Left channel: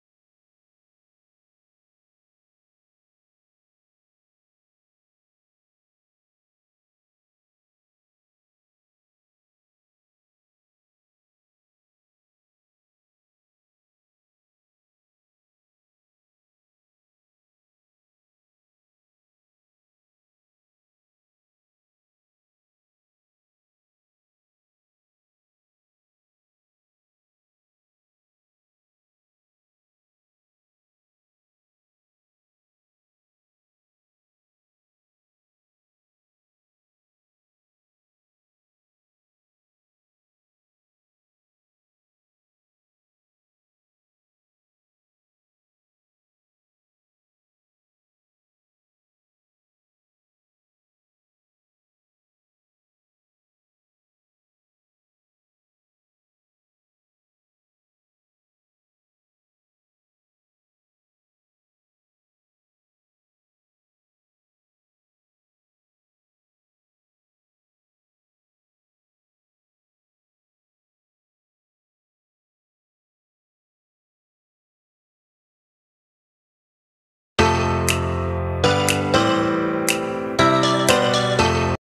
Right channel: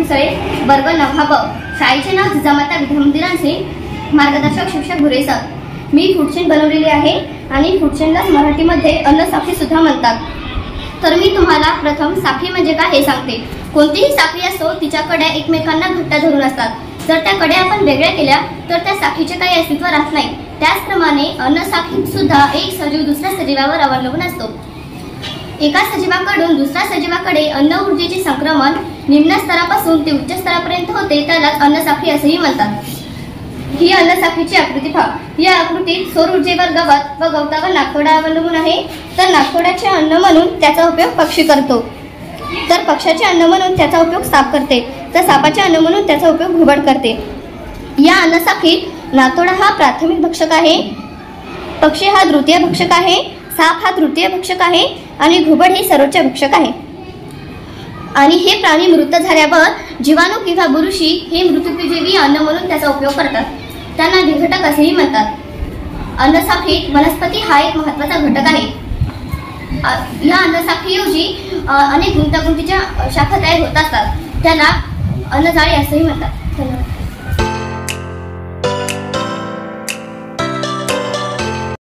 मुसळे, वर्ग 9 ब. शाळेचे नाव जिजामाता विद्यामंदिरांचे. मार्गदर्शक शिक्षक भुरे सर. मी फूड चेन बनवलेली आहे आणि फूड चेनला मराठीमध्ये अन्न साखळी सुद्धा म्हणतात. तर मी तुम्हाला प्रथम साखळी म्हणजे काय हे सांगते. कोणतीही साखळी असो तिच्या कड्या एकमेकांना घट्ट धरून असतात. जर त्या कड्या आपण वेगळ्या केल्या तर त्या साखळीचे काही अस्तित्व राहत नाही. त्याचप्रमाणे अन्न साखळीत सुद्धा एक सजीव दुसऱ्या सजीवावर अवलंबून असतो. एका सजीवाकडून दुसऱ्या सजीवाकडे अन्न ऊर्जेचे संक्रमण निम्न स्तरापासून ते उच्च स्तरापर्यंत होते, त्यालाच अन्न साखळी असेही म्हणतात. ही अन्न साखळीची आकृती पहा. या आकृतीत सौर ऊर्जेवर गवत व गवतावर नागतोडा अवलंबून आहे. तर नागतोड्याचे अन्न म्हणून त्याचा उपयोग पक्षी करतो, तर पक्षाचे अन्न म्हणून त्याचा उपयोग साप करते, तर सापाचे अन्न म्हणून त्याचा उपयोग घुबड करते. या अन्न साखळीत नागतोडा हा प्राथमिक भक्षक आहे, पक्षी हा द्वितीय भक्षक आहे, साप हा तृतीय भक्षक आहे आणि घुबड हे सर्वोच्च भक्षक आहे. आणि हे प्राणी मृत झाल्यावर जीवाणू किंवा बुरशी हे मृत्यूपजीवी अन्न म्हणून त्याचा उपयोग करतात. त्यांना विघटक असेही म्हणतात. अन्न साखळीत वनस्पती हा एक महत्त्वाचा घटक आहे. या अन्न साखळीऐवजी अनेक गुंतागुंतीच्या शाखा तयार होत असतात, त्याला अन्नजाळी असेही म्हणतात.